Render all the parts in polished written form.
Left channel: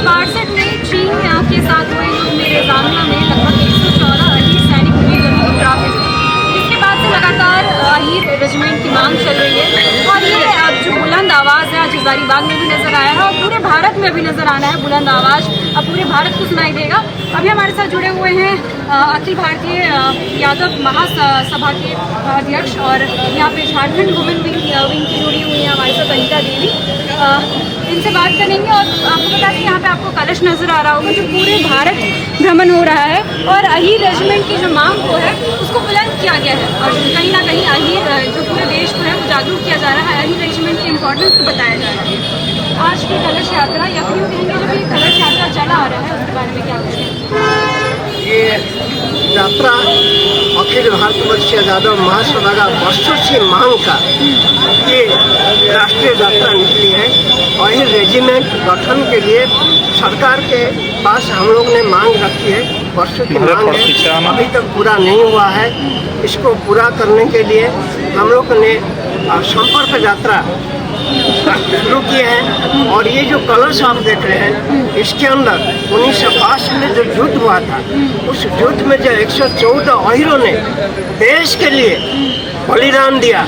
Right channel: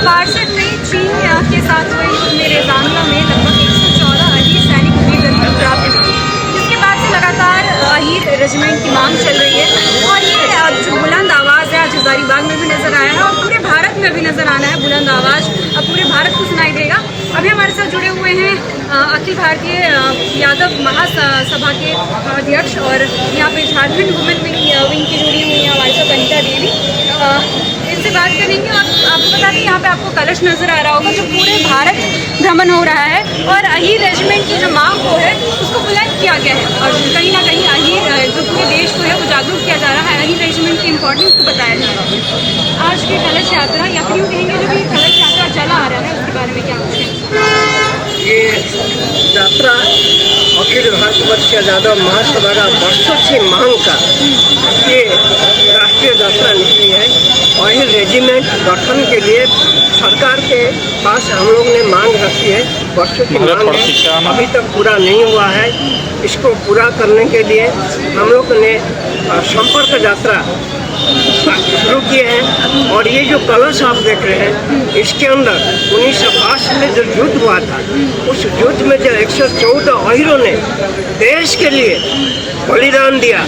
1962 में चीन के साथ हुए युद्ध में रेजानिया में लगभग 114 अहीर सैनिक वीरगति प्राप्त हुए, जिसके बाद से लगातार अहीर रेजिमेंट की मांग चल रही है। और ये अब जो बुलंद आवाज़ है आज हजारीबाग में भी नजर आया है और पूरे भारत में भी नजर आना है। बुलंद आवाज़ अब पूरे भारत को सुनाई देगा। अभी हमारे साथ जुड़े हुए हैं अखिल भारतीय यादव महासभा के अध्यक्ष और यहाँ पे झारखंड वुमेन विंग की जुड़ी हुई है हमारे साथ अनिता देवी। इनसे बात करेंगे और आपको बता दें यहाँ पे आपको कलश नजर आ रहा होगा जो पूरे भारत भ्रमण हो रहा है और अहीर रेजिमेंट की जो मांग को है उसको बुलंद किया गया है और कहीं ना कहीं अहीर जो पूरे देश को है वो जागरूक किया जा रहा है, अहीर रेजिमेंट की इंपॉर्टेंस को बताया जा रहा है। आज की कलश यात्रा या फिर यूँ कहेंगे जो भी कलश यात्रा चला आ रहा है उसके बारे में क्या कुछ है? ये यात्रा अखिल भारत यादव महासभा का वर्षों से मांग का ये राष्ट्रीय यात्रा निकली है। अहीर रेजिमेंट गठन के लिए सरकार के पास हम लोग ने मांग रखी है, वर्षों की मांग है, अभी तक पूरा नहीं हुआ है। इसको पूरा करने के लिए हम लोग ने संपर्क यात्रा शुरू किए हैं। और ये जो कलश आप देख रहे हैं इसके अंदर 1905 में जो युद्ध हुआ था उस युद्ध में जो 114 अहीरों ने देश के लिए बलिदान दिया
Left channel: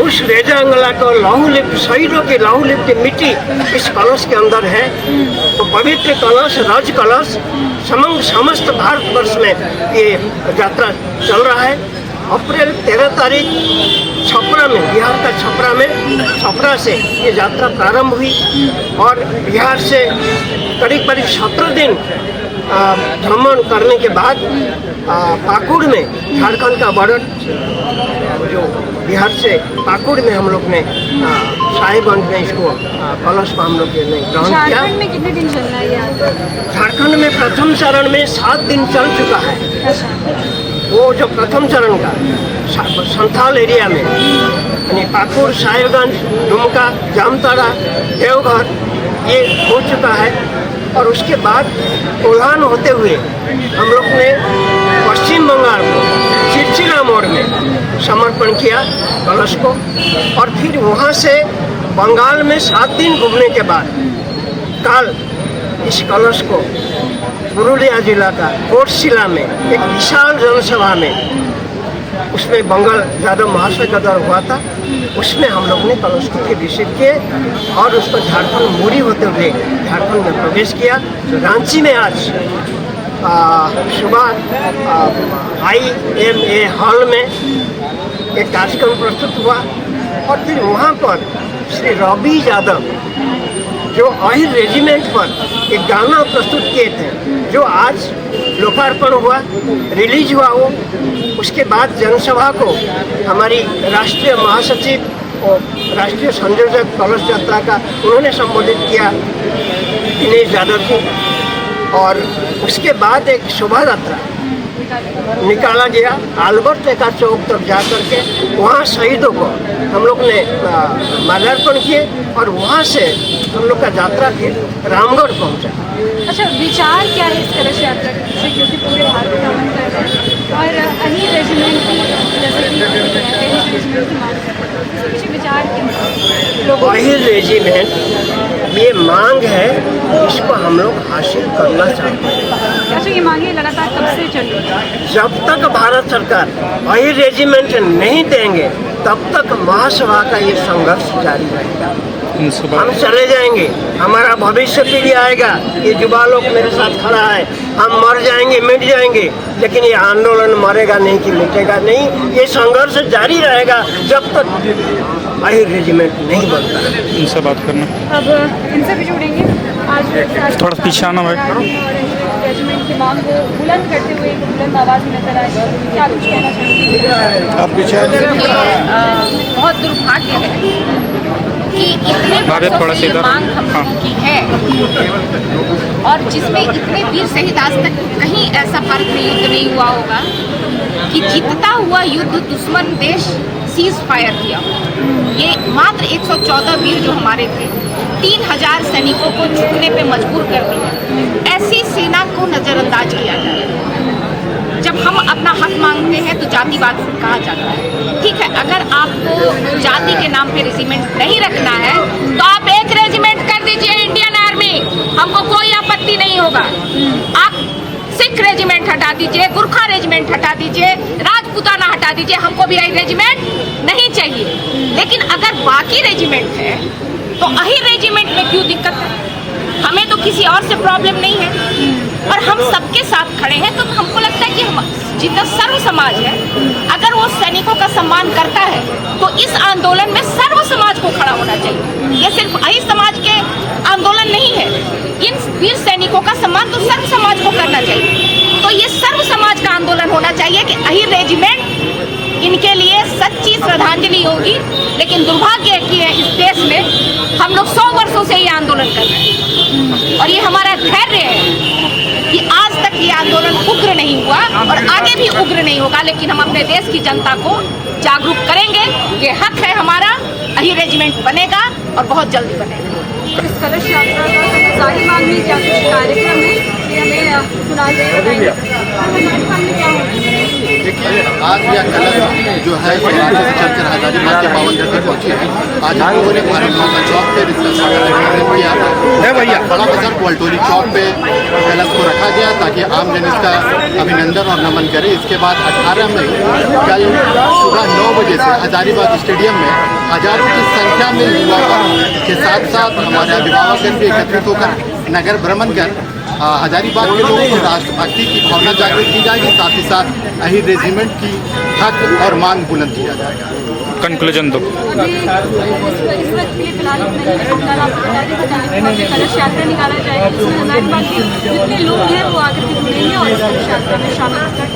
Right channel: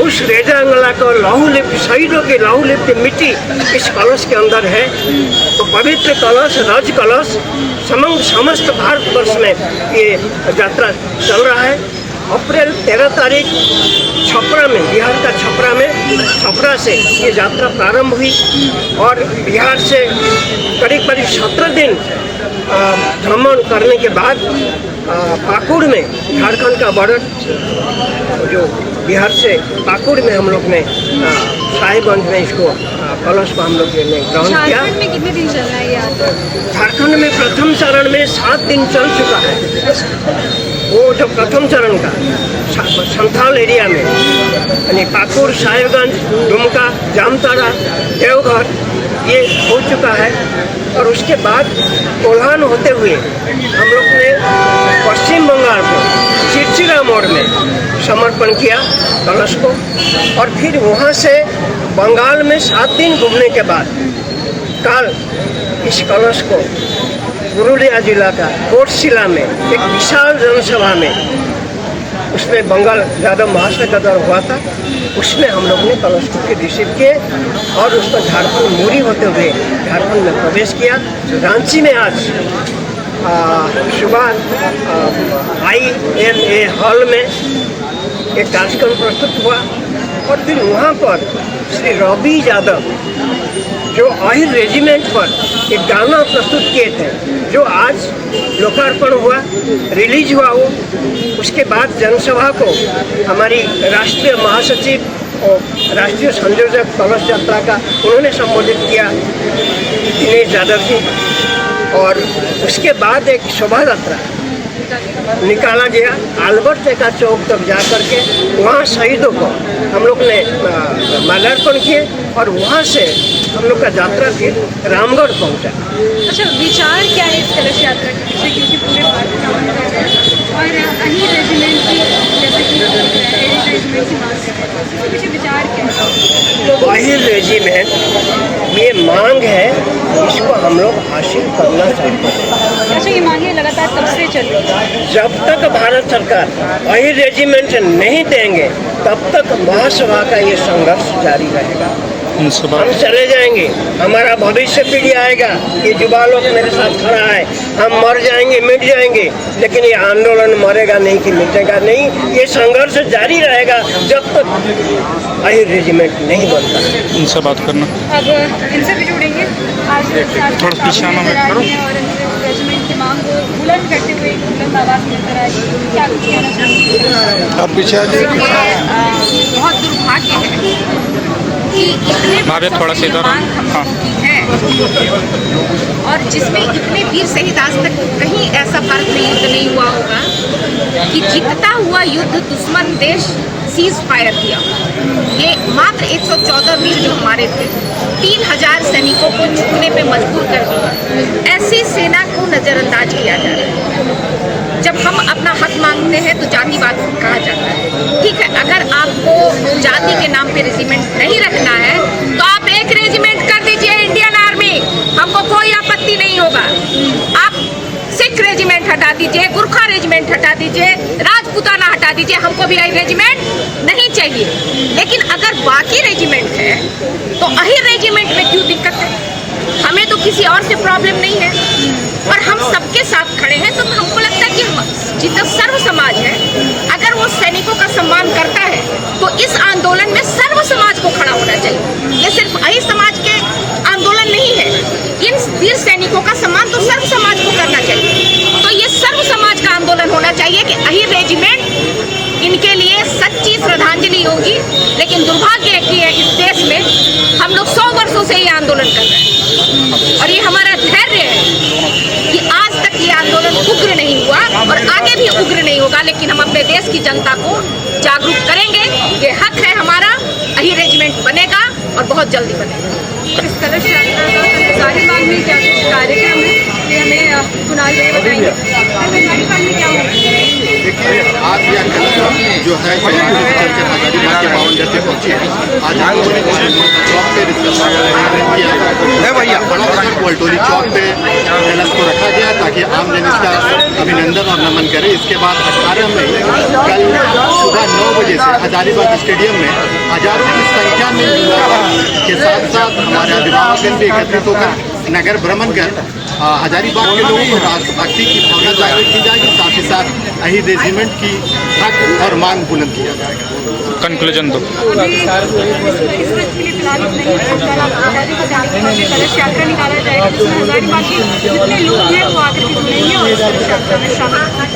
उस रेजांगला को लहूलिप्त शहीदों की लहूलिप्त मिट्टी इस कलश के अंदर है। तो पवित्र कलश राज कलश समस्त भारतवर्ष में ये यात्रा चल रहा है। अप्रैल 13 तारीख छपरा में, बिहार का छपरा से ये यात्रा प्रारंभ हुई और बिहार से करीब 17 दिन भ्रमण करने के बाद पाकुड़ में, झारखंड का बॉर्डर जो बिहार से पाकुड़ में हम लोग ने साहिबगंज में इसको कलश को हम लोग ने ग्रहण किया। झारखंड में कितने दिन चल रहा है यात्रा? झारखंड में प्रथम चरण में 7 दिन चल चुका है। वो जो प्रथम चरण का संथाल एरिया में यानी पाकुड़, साहिबगंज, दुमका, जामताड़ा, देवघर ये हो चुका है। और उसके बाद कोल्हान होते हुए हम लोग ने पश्चिम बंगाल को चिरचिरा मोड़ में समर्पण किया कलश को और फिर वहाँ से बंगाल में 7 दिन घूमने के बाद कल इस कलश को पुरुलिया जिला का कोटशिला में एक विशाल जनसभा में उसमें बंगाल यादव महासभा का दौर हुआ था, उसमें हम लोग ने कलश को रिसीव किए और उसको झारखंड मूरी होते हुए झारखंड में प्रवेश किया। रांची में आज सुबह IMA हॉल में एक कार्यक्रम प्रस्तुत हुआ और फिर वहाँ पर श्री रवि यादव जो अहीर रेजिमेंट पर एक गाना प्रस्तुत किए थे जो आज लोकार्पण हुआ, रिलीज हुआ वो। उसके बाद जनसभा को हमारी राष्ट्रीय महासचिव और राष्ट्रीय संयोजक कलश यात्रा का उन्होंने संबोधित किया, दिनेश यादव जी। और उसके बाद एक शोभा यात्रा निकाला गया आल्बर्ट एक्का चौक तक जा करके, वहाँ शहीदों को हम लोग ने माल्यार्पण किए और वहाँ से हम लोग का यात्रा फिर रामगढ़ पहुँचा। अच्छा, विचार क्या है इस कलश यात्रा के पीछे, क्योंकि पूरे भारत में भ्रमण करेगा और अहीर रेजिमेंट की जैसे कि अहीर रेजिमेंट की मांग करते हैं, इसके पीछे विचार क्या है? अहीर रेजिमेंट ये मांग है, इसको हम लोग हासिल करना चाहते हैं। अच्छा, ये मांगे लगातार कब से चल रही है? जब तक भारत सरकार अहीर रेजिमेंट नहीं देंगे तब तक महासभा का ये संघर्ष जारी रहेगा। हम चले जाएंगे, हमारा भविष्य पीढ़ी आएगा, ये युवा लोग मेरे साथ खड़ा है, हम मर जाएंगे, मिट जाएंगे, लेकिन ये आंदोलन मरेगा नहीं कि मिटेगा नहीं, ये संघर्ष जारी रहेगा जब तक अहीर रेजिमेंट नहीं बनता है। इनसे बात करना, अब इनसे भी जुड़ेंगे। आज और रेजिमेंट की मांग को बुलंद करते हुए बुलंद आवाज़ में नजर आए, क्या कुछ कहना चाहिए? आप पीछे आ जाइए। बहुत दुर्भाग्य है कि इतने थोड़ा सा इधर मांग हम लोगों की है और जिसमें इतने वीर शहीद, आज तक कहीं ऐसा भारत में युद्ध नहीं हुआ होगा कि जीतता हुआ युद्ध दुश्मन देश सीज फायर किया। ये मात्र 114 वीर जो हमारे थे 3000 सैनिकों को झुकने पे मजबूर कर दिया। ऐसी सेना को नज़रअंदाज किया जा रहा है। जब हम अपना हक मांगते हैं तो जातिवाद कहा जाता है। ठीक है, अगर आपको जाति के नाम पे रेजिमेंट नहीं रखना है तो आप एक रेजिमेंट कर दीजिए इंडियन आर्मी, हमको कोई रेजिमेंट हटा दीजिए, राजपूताना हटा दीजिए, हमको भी रेजिमेंट नहीं चाहिए। लेकिन अगर बाकी रेजिमेंट है तो अहिर रेजिमेंट में क्यों दिक्कत है? हमें तो किसी और से प्रॉब्लम नहीं है और हम सबके साथ खड़े हैं। तो हमको लगता है कि जितना सर्व समाज है, अगर वो सैनिकों का सम्मान करता है तो इस आंदोलन में सर्व समाज को खड़ा होना चाहिए। ये सिर्फ अहिर समाज के आंदोलन नहीं है, इन वीर सैनिकों का सम्मान तो सर्व समाज को करना चाहिए। तो ये सर्व समाज का आंदोलन होना चाहिए कि अहिर रेजिमेंट इनके लिए सच्ची श्रद्धांजलि होगी। लेकिन दुर्भाग्य है कि इस देश में हम लोग 100 वर्षों से ये आंदोलन कर रहे हैं और ये हमारा धैर्य है कि आज तक ये आंदोलन उग्र नहीं हुआ और आगे भी उग्र नहीं होगा। लेकिन हम अपने देश की जनता को जागरूक करेंगे, ये हक है हमारा। अहिर रेजिमेंट बनेगा और बहुत जल्दी बनेगा। इस कलश यात्रा का हजारी बाग में क्या कुछ कार्यक्रम है, ये हमें सुनाई दे बताएंगे। हजारी बाग में क्या होगा? देखिए, आज यह कलश जो है सौराष्ट्र से चलकर हजारीबाग के पावन धरती पहुंची है। आज हम लोगों ने भारत माता चौक पे इसका स्वागत किया है भैया। बड़ा बाजार कोल्टोली चौक पे कलश को रखा गया ताकि आम जन इसका अभिनंदन और नमन करे। इसके बाद 18 मई कल सुबह 9 बजे से हजारीबाग स्टेडियम में हजारों की संख्या में युवा के साथ साथ हमारे अभिभावकगण भी एकत्रित होकर नगर भ्रमण कर हजारीबाग के लोगों को राष्ट्रभक्ति की भावना जागृत की जाएगी। साथ ही साथ अहिर रेजिमेंट की हक और मांग बुलंद किया जाएगा। कंक्लूजन दो। अभी इस वक्त के लिए फिलहाल इतना ही, लेकिन कल आपको बता दें कि भव्य कलश यात्रा निकाला जाएगा जिसमें हजारीबाग के जितने लोग हैं वो आकर के जुड़ेंगे और इस कलश यात्रा में शामिल होंगे।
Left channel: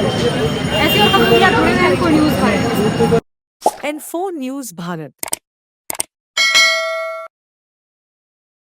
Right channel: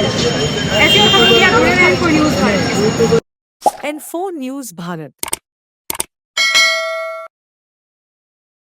ऐसे और खबरों के लिए आप जुड़े रहें इन्फो न्यूज़ भारत के साथ। Info news Bharat.